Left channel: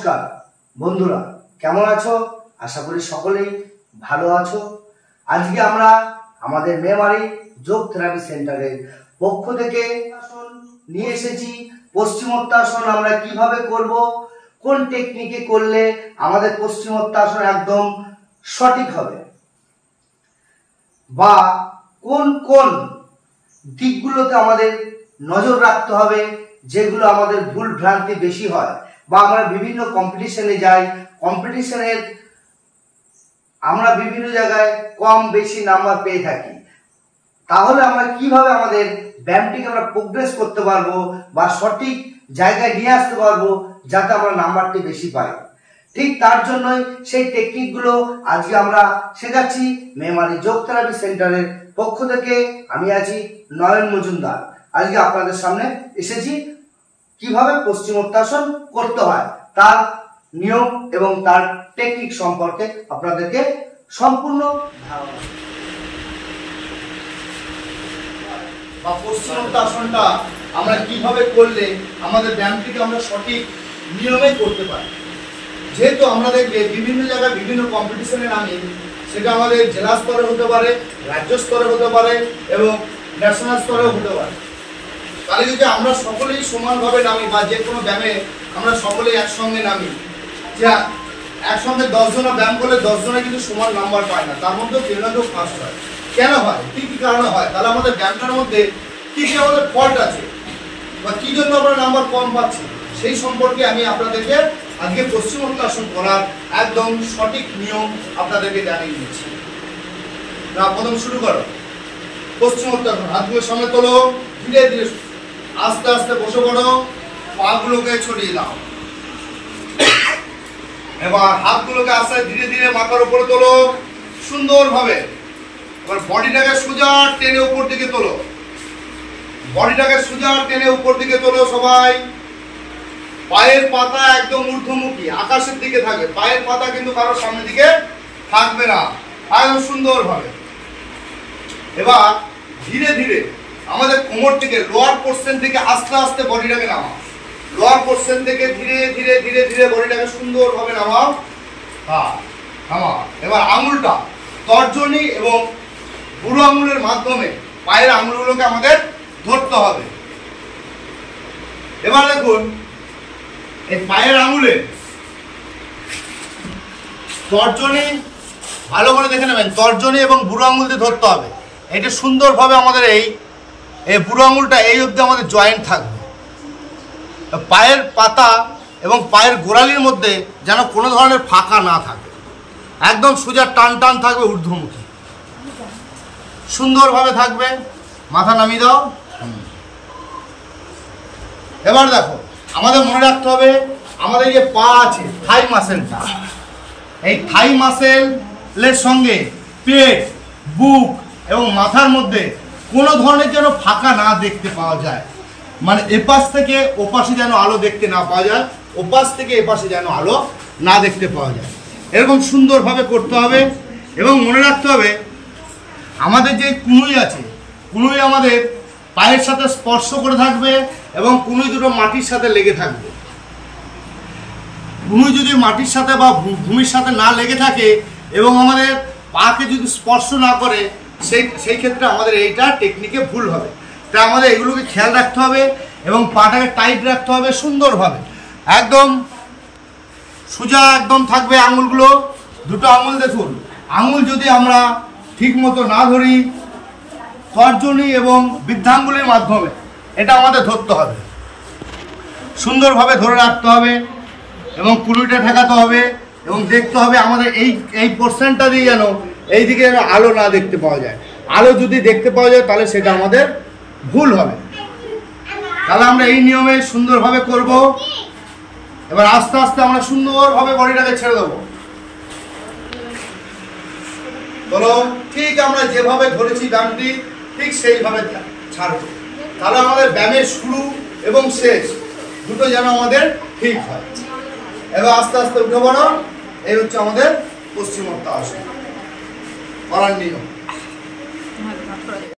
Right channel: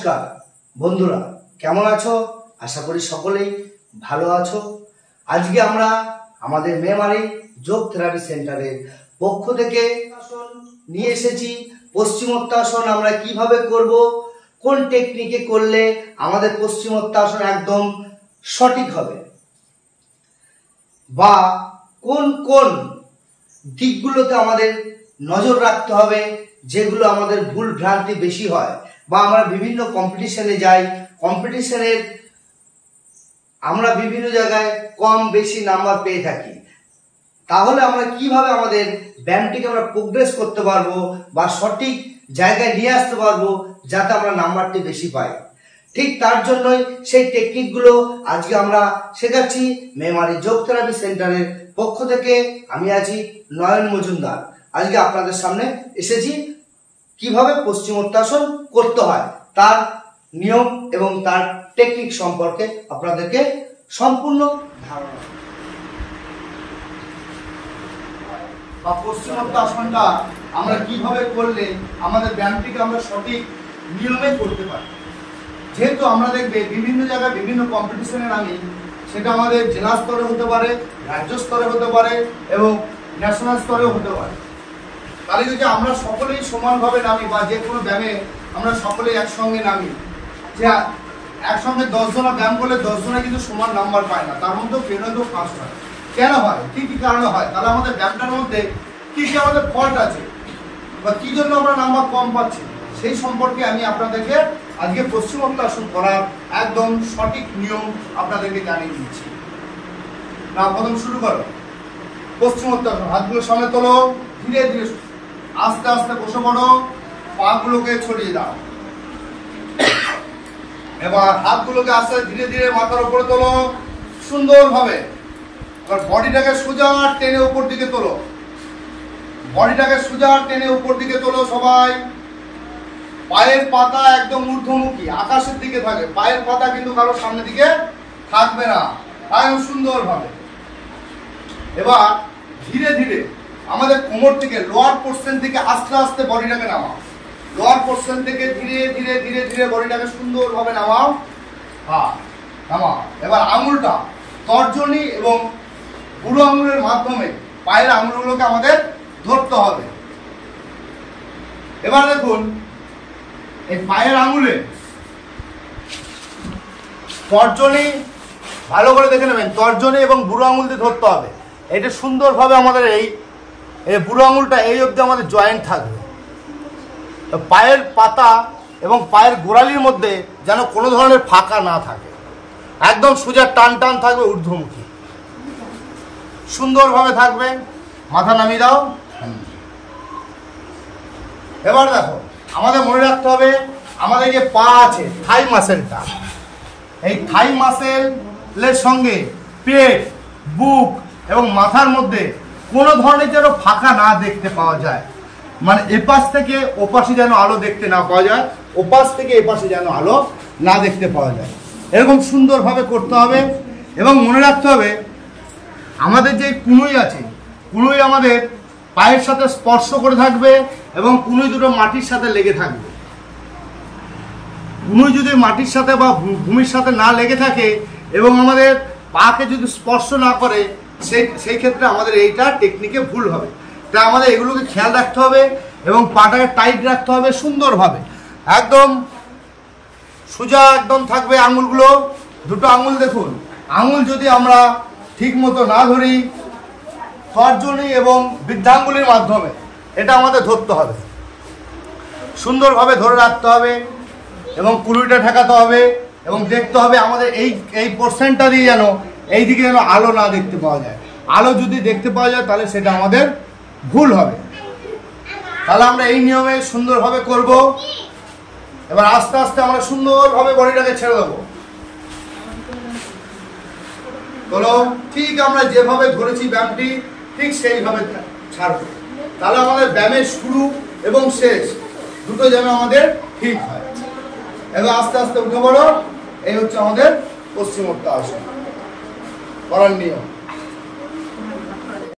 নমস্কার বন্ধুরা, কেমন আছো? আশা করি সকলেই ভালো আছো। আজকে আমরা আমাদের মেমারি যোগ থেরাপি সেন্টারের পক্ষ থেকে আসন নিয়ে এসেছি। পশ্চিমোত্তাসন আমরা কিভাবে করব, কোন টেকনিকে করলে আমাদের পশ্চিমোত্তাসন একদম সঠিক হবে, বা কোন কোন দিকগুলোতে আমাদের নজর রাখতে হবে, যেগুলো আমাদের ভুল ভ্রান্তি বেশি হয়, বা আমরা বিভিন্ন কম্পিটিশনে যাই, কম্পিটিশনের আমরা বিভিন্ন জায়গায় কম বেশি নাম্বার পেয়ে থাকি। তাহলে আমরা কিভাবে আমাদের ব্যায়ামটিকে আমরা প্রোগ্রেস করতে পারবো বা সঠিক জায়গায় নিয়ে আসতে পারবো, যাতে আমরা নাম্বারটি বেশি পাই। ঠিক তার জন্যই সেই টেকনিকগুলো আজকে আমরা শেখাচ্ছি মেমারি যোগ থেরাপি সেন্টারের পক্ষ থেকে। আমি আছি নয়ন মজুমদার। আজকে আপনাদের সামনে এসেছি কিভাবে পশ্চিমোত্তাসন করতে হয়, তার নিয়ম এবং তার টেকনিক সম্পর্কে আপনাদেরকে সম্পূর্ণ ধারণা। বা পশ্চিমোত্তাসনটা আমরা কিভাবে করলে আমাদের ব্যায়ামটিকে আমরা সঠিক নিয়মে করতে পারি। যেহেতু আমরা দেখবে বিভিন্ন জায়গায় বিভিন্ন কম্পিটিশনে নামি, সেটা আমাদের জেলা স্তরে হতে পারে, রাজ্য স্তরে হতে পারে এবং ন্যাশনাল স্তরেও হতে পারে। তাহলে যদি আমরা সকলেই সমানভাবে নামি, বা যে কোনো ব্যায়ামে আমরা সকলেই একসঙ্গে নামি, যে একসঙ্গে 10 জনে ব্যায়াম করলে 10 জনে কিন্তু সমান নাম্বার পায় না, তার মধ্যেও কেউ না কেউ ফার্স্ট হয়। কেন হয়, কি কি কারণে হয়? তাহলে আমাদের ব্যায়ামটার মধ্যে কি কি আমাদের ফল্ট আছে, বা কি জন্য আমরা নাম্বার কম পাচ্ছি, সেই সম্পর্কে আমি আপনাদেরকে আজকে পশ্চিমোত্তাসন করার একদম সঠিক নিয়ম আপনাদেরকে জানিয়ে দিচ্ছি। না, প্রথম শুরু করো। পশ্চিমোত্তাসন, হাতগুলো সামনে তোলো, ধীরে ধীরে আস্তে আস্তে বসে পড়ো, পাগুলোকে ছড়িয়ে দাও। এবার হাতগুলোকে আস্তে ধীরে ধীরে মাথার উপরে তোলো সুন্দরভাবে। এবার বডিটাকে সোজা টেনে উপর দিকে তোলো, বডিটাকে সোজা টেনে উপর দিকে তোলো সবাই। পায়ের পাতা একদম ঊর্ধ্বমুখী আকাশের দিকে থাকবে, পায়ের পাতা কিন্তু কারোর সামনের দিকে থাকবে না, একদম সুন্দরভাবে। এবার ধীরে ধীরে আমাদের কোমর থেকে লোয়ার পোর্শন থেকে আস্তে আস্তে বডিটাকে নামাও, লোয়ার পোর্শন থেকে ধীরে ধীরে ধীরে ধীরে বডিটাকে সুন্দরভাবে নামাও। হ্যাঁ, নামাও। এবার আঙুলটা তর্জনী এবং বুড়ো আঙুলের মাধ্যমে পায়ের আঙুলগুলোকে আমাদের ধরতে হবে। এবার দেখুন, এই পায়ের আঙুলে তর্জনী ভালো করে দেখে নেবেন, তর্জনী এবং বুড়ো আঙুল দিয়ে ধরতে হবে। এটা সুন্দরভাবে আমাদের এই বুড়ো আঙুলটা এই অবধি আমাদের জয়েন্ট থাকবে। পায়ের পাতা এবং পায়ের গোড়ালির মধ্যে যেন কোনো ধরনের ফাঁকা না থাকে, একদম সোজা টান টান থাকবে, ঊর্ধ্বমুখী সুন্দরভাবে থাকবে। মাথা নামিয়ে দাও। এবার দেখো, আমাদের মনে রাখতে হবে আমাদের যে পা আছে, থাই মাসেলটা, এই থাই মাসেলের সঙ্গে পেট, বুক এবং মাথার মধ্যে কোনো ধরনের যেন ফাঁকা না দেখতে পাওয়া যায়, মানে এপাশ থেকে ওপাশে যেন আলো দেখতে না পাওয়া যায়, ওপাশ থেকে এপাশে যেন আলো না দেখতে পাওয়া যায়, এরকম সুন্দরভাবে করতে হবে। এবং মনে রাখতে হবে আমাদের যে কুনুই আছে, কুনুই আমাদের পায়ের সাথে স্পর্শ করে থাকবে এবং কুনুই দুটো মাটির সাথে লেগে থাকবে। কুনুই যদি মাটির সাথে বা ভূমির সাথে না লেগে থাকে এবং আমাদের পাকে যদি স্পর্শ না করে, সেই ক্ষেত্রে আমাদের এইটা টেকনিকে ভুল হবে। তাই আমাদের এগুলোকে খেয়াল রাখতে হবে এবং পাটাকে টাইট রাখতে হবে সুন্দরভাবে, একদম সোজা একদম থাকবে আঙুলগুলো। দুটো আঙুল দেখুন, আঙুল যদি আমরা ঠিক মতো না ধরি, তর্জনী এবং বৃদ্ধাঙ্গুলির মাধ্যমে এটা আমাদের ধরতে হবে, সুন্দরভাবে ধরে রাখতে হবে এবং কুড়িটা ঠেকাতে হবে এবং দেখতে হবে আমাদের এই পোর্শনটা দিয়ে যেন এই দিকে যেন আলো না দেখতে পাওয়া যায়। আলো যদি দেখতে পাওয়া যায় তাহলে সেটা আমাদের ভুল হবে। তাহলে আমরা এই নিয়মে সুন্দরভাবে করব। এবার আস্তে আস্তে আমরা সুন্দরভাবে বডিটাকে ছেড়ে দেবো। বলো, ঠিক আমরা যেভাবে ধরেছি ব্যায়ামটি ঠিক সেইভাবে ছাড়বো। তাহলে আমাদের ব্যায়ামের শুরু এবং শেষ দুটো যেন আমাদের ঠিক হয়। এবার আস্তে আস্তে উঠে পড়ো। এই হচ্ছে আমাদের পশ্চিমোত্তাসন করার নিয়ম।